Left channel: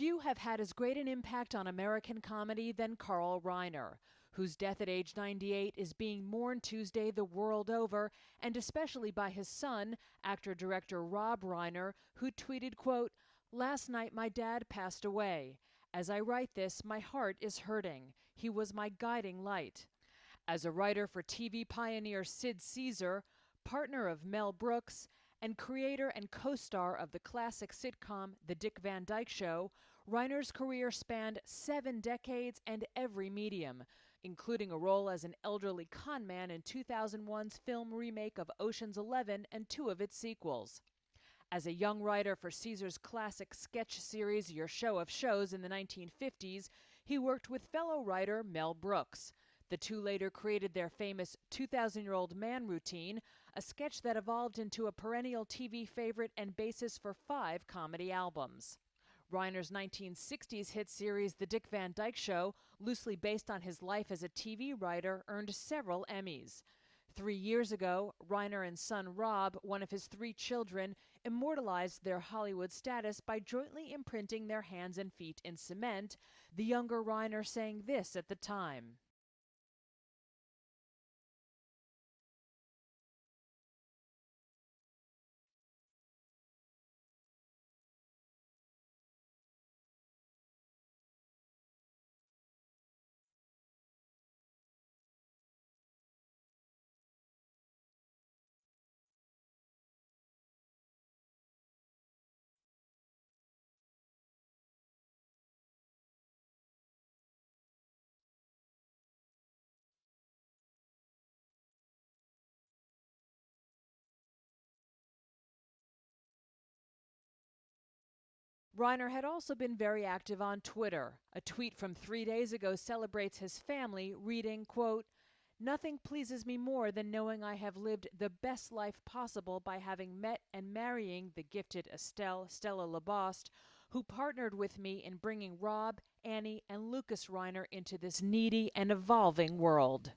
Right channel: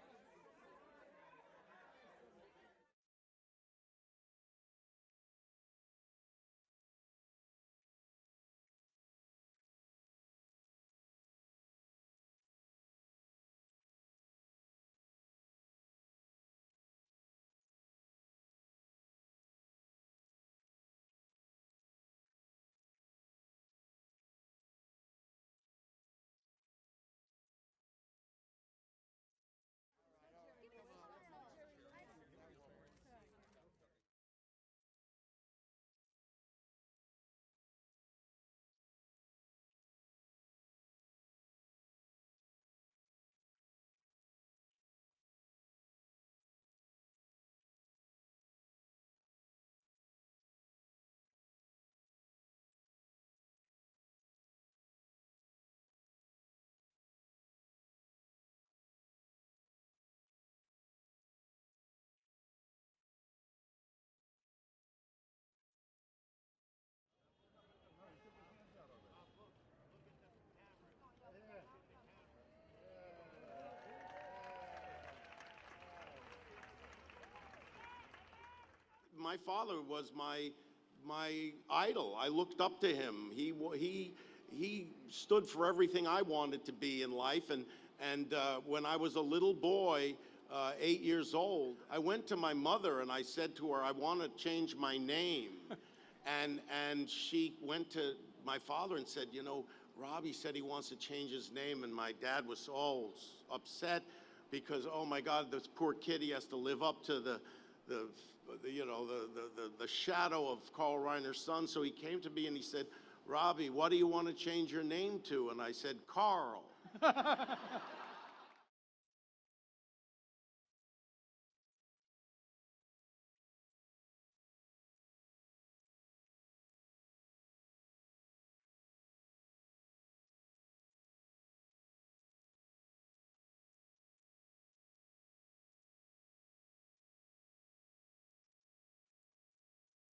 Few have had as great an impact on American comedy than Carl Reiner, whose death at age 98 is being mourned Tuesday the world over, and especially by his son, actor-director Rob Reiner, who tweeted, quote, "Last night my dad passed away. As I write this, my heart is hurting. He was my guiding light." As a writer for TV pioneer Sid Caesar, partner of Mel Brooks, and creator and co-star of the classic sitcom The Dick Van Dyke Show, Reiner's career spanned 7 decades and every medium, including a role as an elderly con man in 2001's film remake of Ocean's 11 and 2 of its sequels. As a young writer for Caesar's classic sketch series Your Show of Shows in the 1950s, he worked with fellow writer Mel Brooks. The two later created their famous 2,000-Year-Old Man routine, a sketch that evolved into a perennial TV favorite and basis for 5 comedy albums. Reiner's 1960s hit series The Dick Van Dyke Show, loosely based on his life as a TV writer, earned several Emmys. 3 years ago, Reiner and son Rob, one of his 3 children, immortalized their Hollywood status by jointly imprinting their hands and feet in cement, the younger Reiner saying this at the time. My father was my idol. I looked up to him. He stood for everything I wanted to be in life. And when I was a little boy, 8 years old, I went to my mother and I said to her, "I want to change my name." And she went to my father and said, "You know, Robbie said he wants to change his name." And my dad was all upset because, oh my God, this poor kid, he has to live up to the shadow of Carl Reiner's son. So he came to me and he said, "Robbie, what do you want to change your name to?" And I said, "Carl." Reiner had also been very active on Twitter. A tweet from 3 days ago celebrates his family, reading, quote, "Nothing pleases me more than knowing I have lived the best life possible by having met and marrying the gifted Stella Laboste, who partnered with me in bringing Rob, Annie, and Lucas Reiner into this needy and evolving world."